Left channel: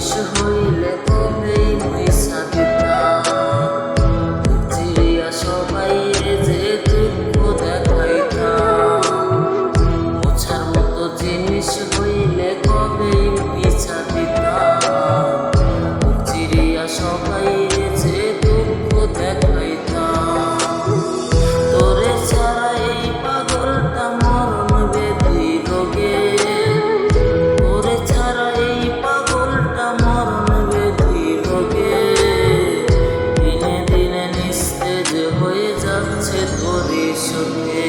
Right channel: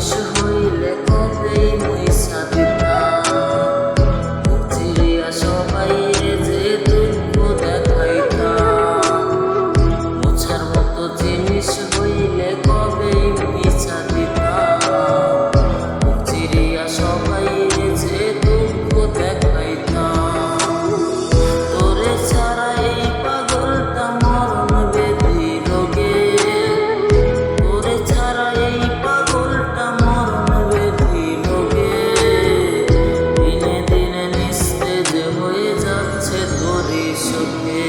শেষ হইলে কবে তোরে সখে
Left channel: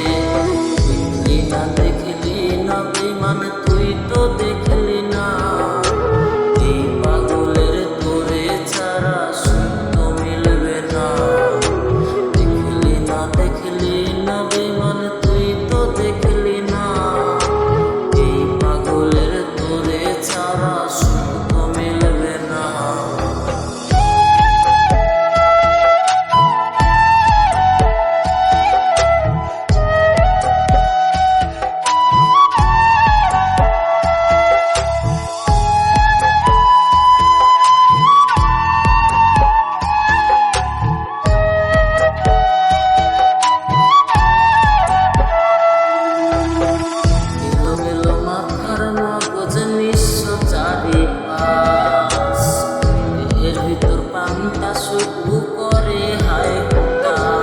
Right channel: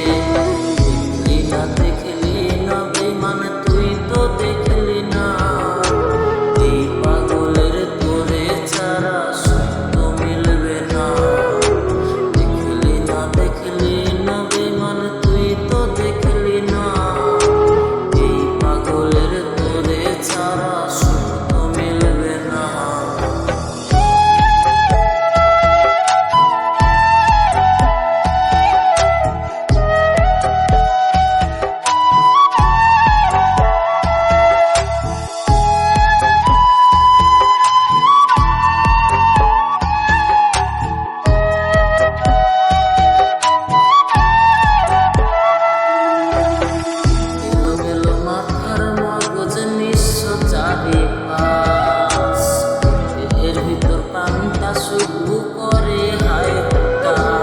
দেখলি না দেখলি না বেমান তুই তো দেখলি না। এই পাগলের তোরে ছাড়া মিলবে না। দেখলি না দেখলি না বেমান তুই তো দেখলি না। এই পাগলের তোরে ছাড়া ভিতর পান্তা শুধু করে হায় হুতাশ